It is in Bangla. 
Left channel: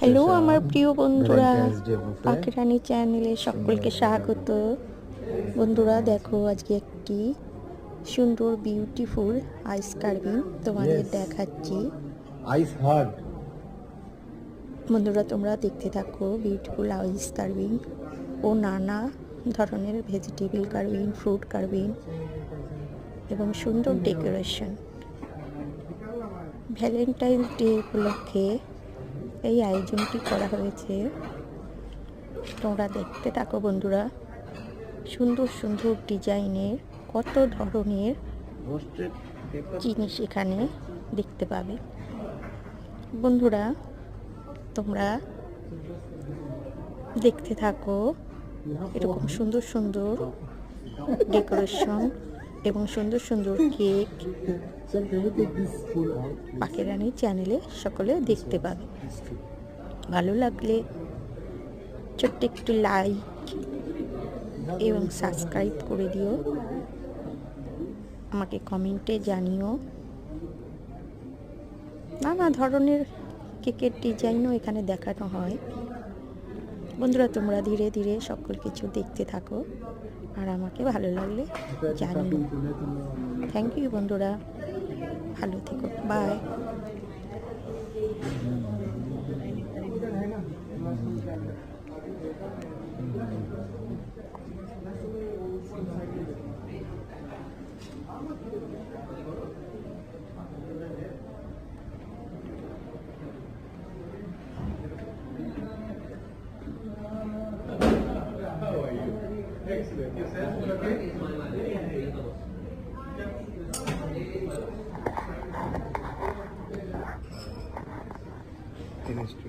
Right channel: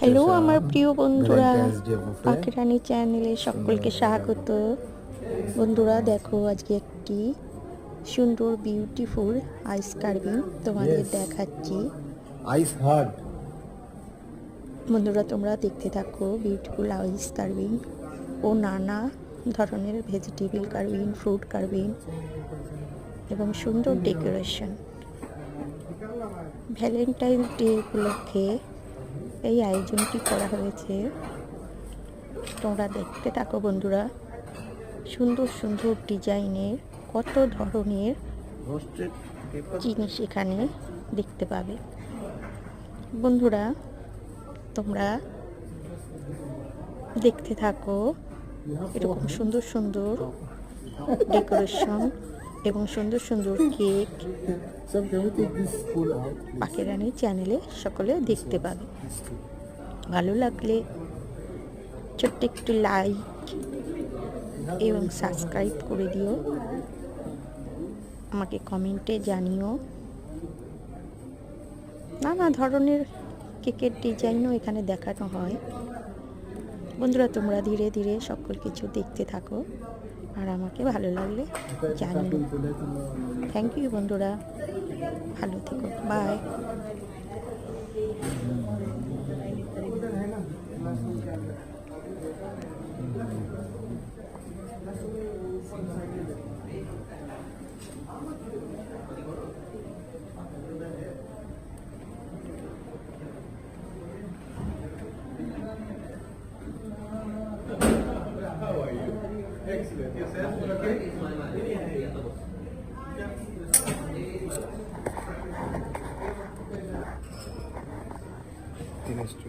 হ্যালো আমার প্রিয় বন্ধুরা, পাখিরানী চ্যানেলে সকলকে স্বাগত। বন্ধুরা দেখো, আজকে একটি সুন্দর বিউটিফুল আইস কার্ভিং তোমাদের দেখাচ্ছি। বন্ধুরা তোমরা দেখতে থাকো বিউটিফুল আইস কার্ভিং ও নানা ধরনের ভেজিটেবল কার্ভিং, ফ্রুট কার্ভিং এবং সুন্দর ডেকোরেশন। ভ্যালেন্টাইন্স ডে উপলক্ষে এই আয়োজনটি করা হয়েছে। তোমরা দেখতে থাকো বন্ধুরা, সুন্দর সুন্দর ডিজাইনের কত ধরনের জিনিস এখানে দেখতে পাবে। বন্ধুরা তোমরা দেখতে থাকো এরকম সুন্দর সুন্দর ডেকোরেশন এবং সুন্দর সুন্দর কেক পাখিরানী চ্যানেলে সকলে দেখতে পাবে। ভালো লাগলে ছোট্ট একটু লাইক এবং সাবস্ক্রাইব করে দিও, আমাকে কমেন্টে জানিও। নানা ধরনের কেকের ডিজাইনও এখানে দেখানো হয়। বন্ধুরা তোমরা ধীরে ধীরে সকল কিছু দেখতে থাকো আর আমাকে ভালো লাগলে জানিও। থ্যাংক ইউ বন্ধুরা, ভালো থেকো, বাই। Tienes tú.